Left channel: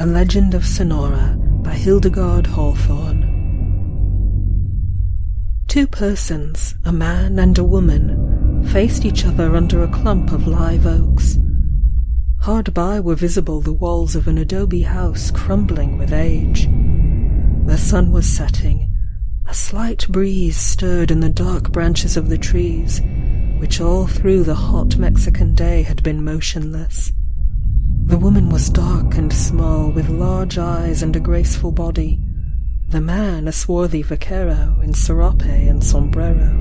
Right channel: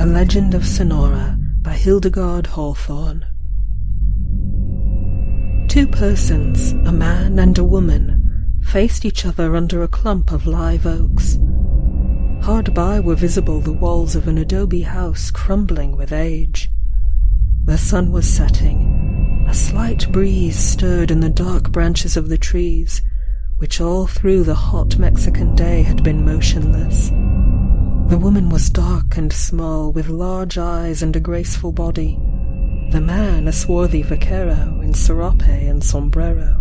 A Legend of Sonora by Hildegarde Hawthorne. Two persons, a man and a woman, faced each other under a clump of live oaks. Hard by were visible the walls of an adobe house crumbling with age. The sun was setting. A slight breeze stirred in the dark branches of the trees, which all through the hot Mexican day had been motionless. The woman was dark and small, with large eyes and a graceful body. The man a swarthy vaquero in serape and sombrero.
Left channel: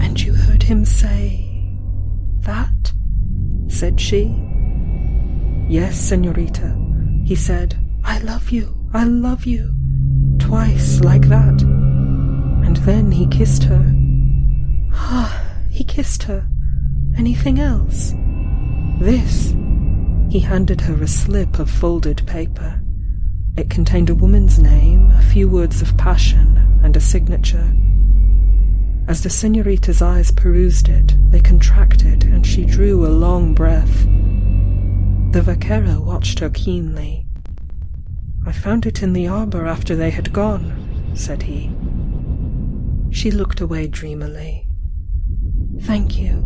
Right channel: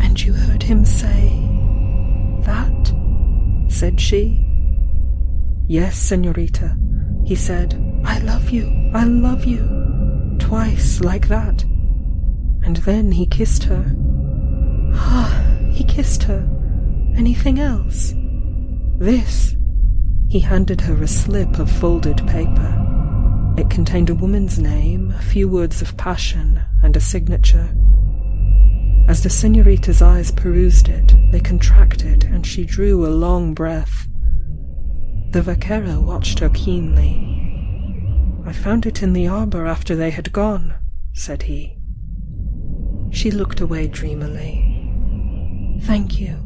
"And you heard him say that?" said she. "Yes, señorita," he said. I love you," twice like that. And then he kissed her. Ah, he kissed her. Anything else? This. He handed her a slip of folded paper. It contained a woman's name, a few words of passion, and a signature. As the señorita's eyes perused it, they contracted, and she drew a long breath. The vaquero watched her keenly. "I found it in the arbor after they had gone," said he. She looked away dreamily. Thank you,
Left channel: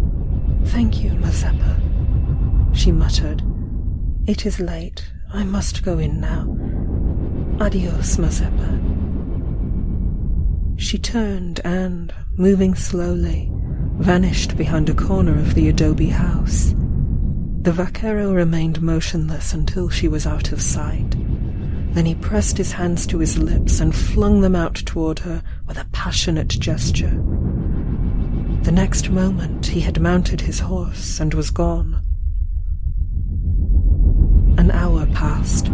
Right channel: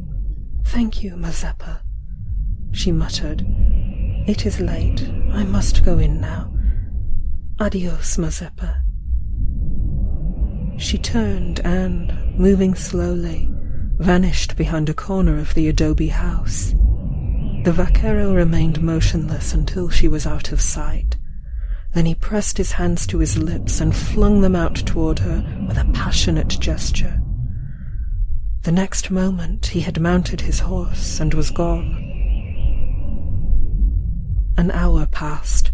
Mazeppa," she muttered. "It is late. I must go in now. Adios, Mazeppa." She turned and, moving slowly, vanished behind a corner of the adobe house. The vaquero remained motionless until she was out of sight. Then he pressed his hands to his lips and flung them out toward her with a passionate gesture. The next moment he had mounted his horse and was gone. An hour passed.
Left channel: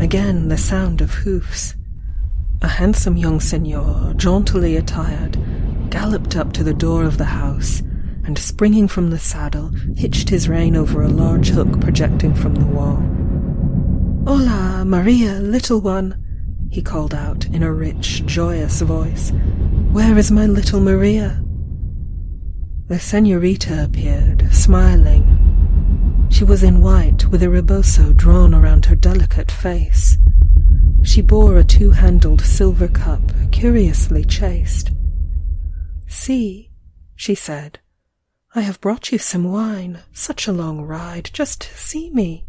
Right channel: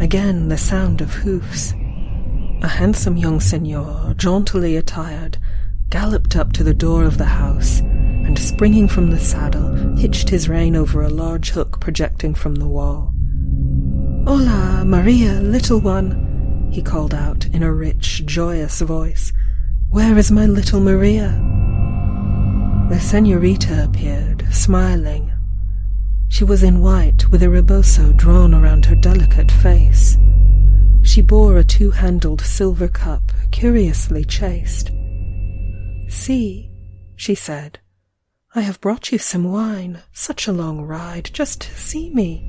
Again the sound of hoofs. A handsome young señor, jauntily attired, galloped up to the door of the house, and springing from the saddle, hitched his rein over a large hook projecting from the wall. "Hola, Maria, little one," he called out in a rich, joyous voice. "Where is my little Maria?" The señorita appeared, smiling. She was in white, with a rebozo drawn around her delicate face. She bore a two-handled silver cup, curiously chased. "See," she said, "I have brought you some wine. Such a long ride, just to see me."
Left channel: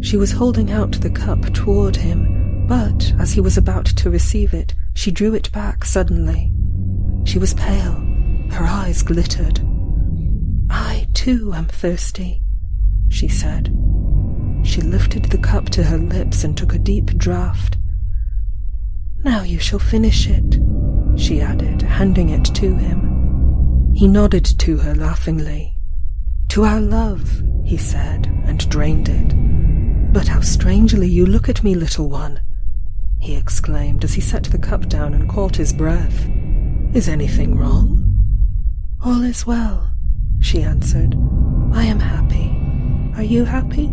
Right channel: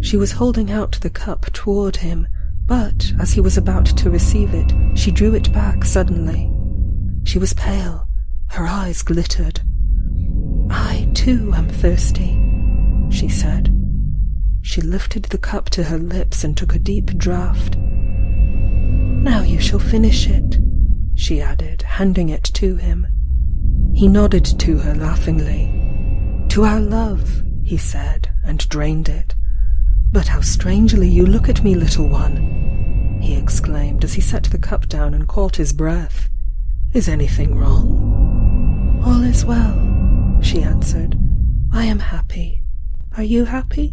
She was holding out the cup toward him, but as he was about to receive it, she drew it back suddenly. She was pale. Her eyes glittered. "I, too, am thirsty," she said. She lifted the cup to her lips and took a deep draught. "Now you shall finish it," she added, handing it to him. He nodded to her laughingly. "To our love," he said, and drained it. "But how strangely you look at me, little one," he exclaimed as he set the cup down and caught his breath. "Is anything wrong?" "All is well," she answered. "I am happy. Are you happy?"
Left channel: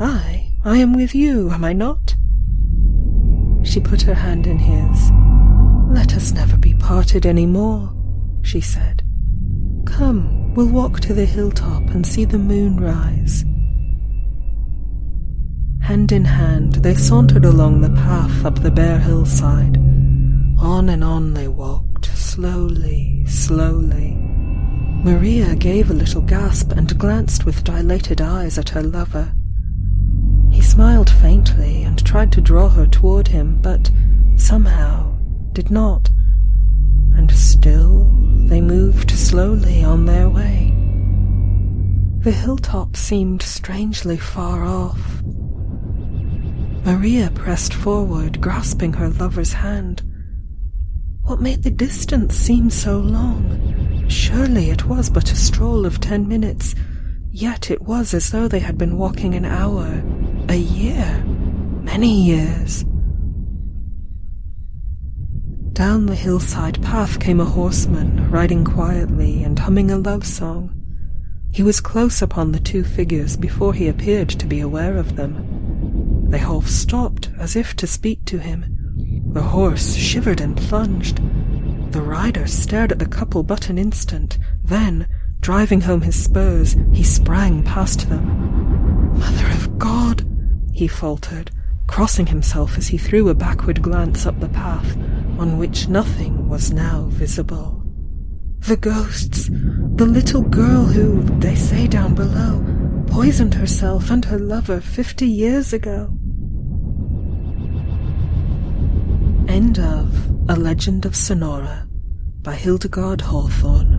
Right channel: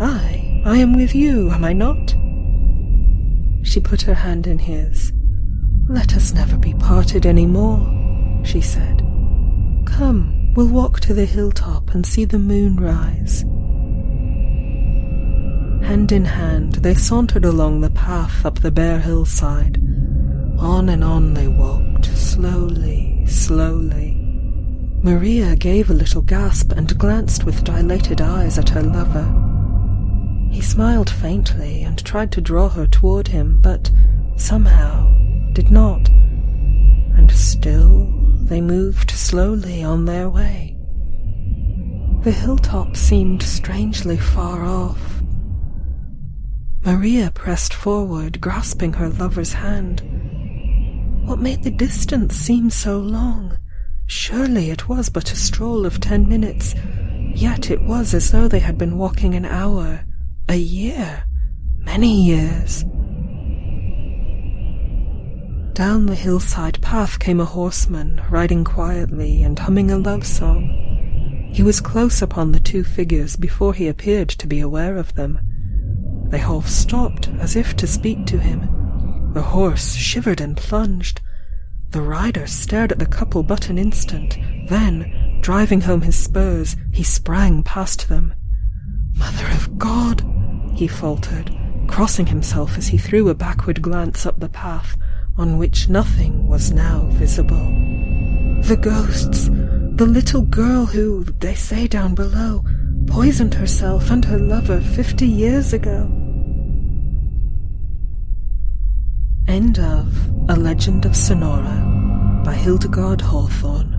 I am with you, am I not?" She put her hand in his. "Let us never be parted any more," she said. "Come, we'll walk to the hilltop and see the moon rise." Hand in hand, they sauntered along the path up the bare hillside. On and on they walked, slowly, slowly. Maria gave a little gasp and glanced with dilated eyes at her lover. He smiled faintly and tried to draw her toward him, but somehow did not. And still they moved slowly on their way. The hilltop seemed strangely far off. Maria pressed forward, grasping her lover's hand. What made the distance seem so long? Surely it was but a stroll of 10 minutes, yet it was as though they had been walking an hour, a year, many years. Down the hillside path came a horseman, riding quietly and humming a love song. He was close upon the two figures before he appeared to be aware of them. They half stopped, as if to speak to him. The horse shivered and plunged. The rider stared at the couple but an instant, then, driving home his spurs, he sprang past them. Mother of God, he faltered, crossing himself as he threw a backward glance up the path, on which nothing was now visible. The ghosts, the little girl who, they say down below, poisoned herself and her lover 50 years ago. End of A Legend of Sonora by Hildegarde Hawthorne.